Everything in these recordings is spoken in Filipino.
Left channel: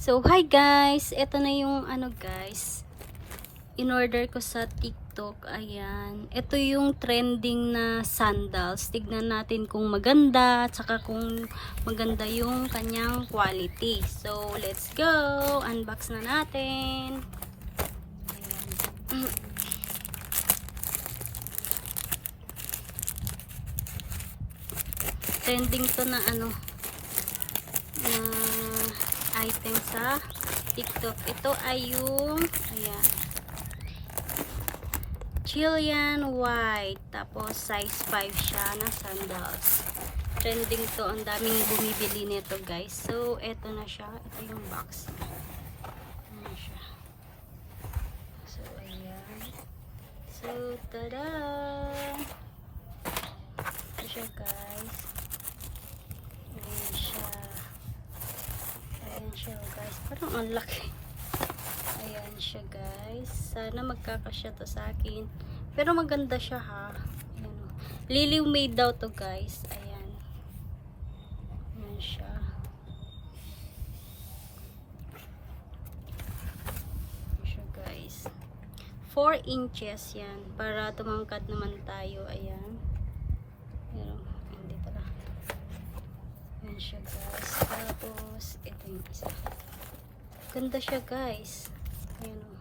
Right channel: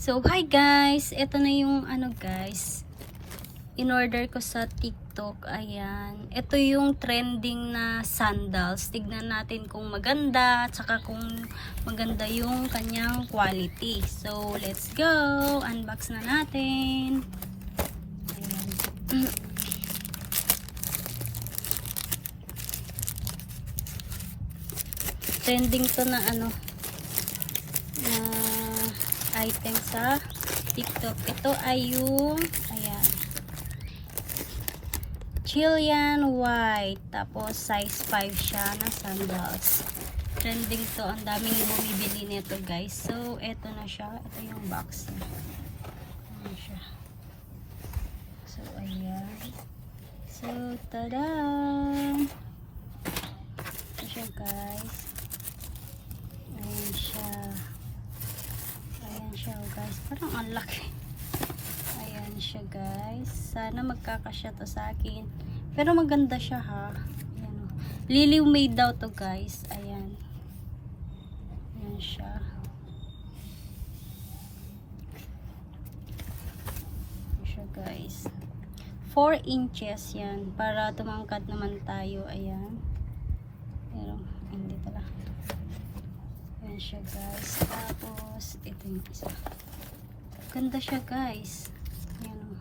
So, hi guys! Ito na yung guys, in-order ko sa TikTok. Ayan. Ito yung trending na sandals. Tignan natin kung maganda, at saka kung maganda yung kanyang quality. So, let's go! Unbox na natin. Ayan. Trending to na item sa TikTok. Ito ay yung ayan, Chilean white, tapos size 5 siya na sandals. Trending to, ang daming bumibili nito guys. So eto na siya, ito yung box niya. Ayan siya. So ayan, so tada, ito siya guys. Parang ang laki. Ayan siya guys. Sana magkakasya to sa akin. Pero maganda siya ha. Ayan, oh. Lily made daw to guys. Ayan. Ayan siya. Ayan siya guys. 4 inches yan. Para tumangkad naman tayo. Ayan. Pero hindi pala. Ayan siya guys. Tapos ito yung isa. Ganda siya guys. Ayan o.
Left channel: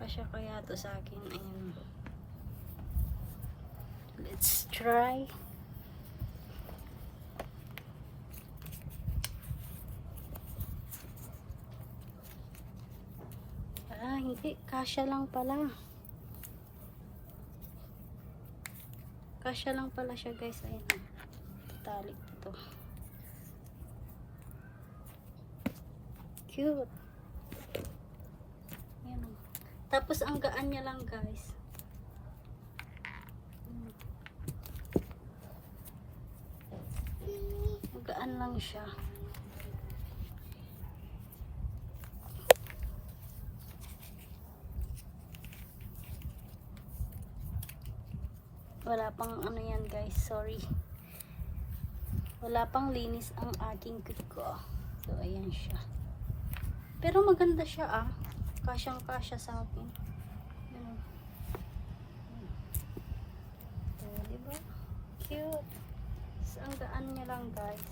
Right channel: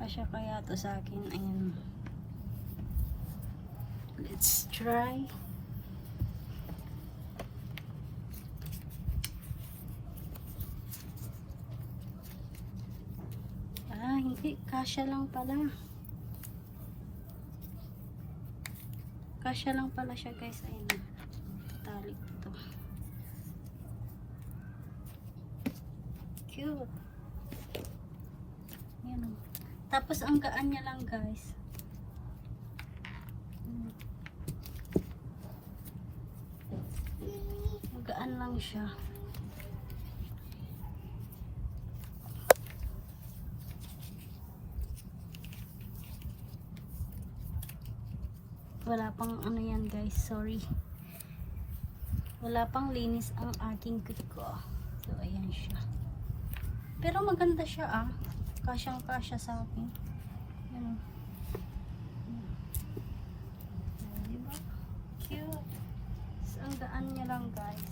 Kasya kaya to sa akin. Ayan o. Let's try. Hindi. Kasya lang pala. Kasya lang pala siya guys. Ayan. Tali ito. Cute. Ayan. Tapos ang gaan niya lang guys. Ang gaan lang siya. Wala pang yan guys, sorry. Wala pang linis ang aking kuko. So, ayan siya. Pero maganda siya Kasyang kasya sa akin. Ano? Diba? Cute. So, ang daan niya lang guys.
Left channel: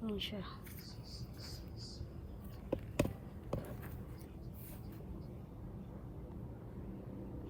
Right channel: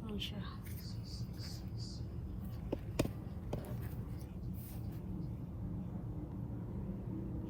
Ayan siya.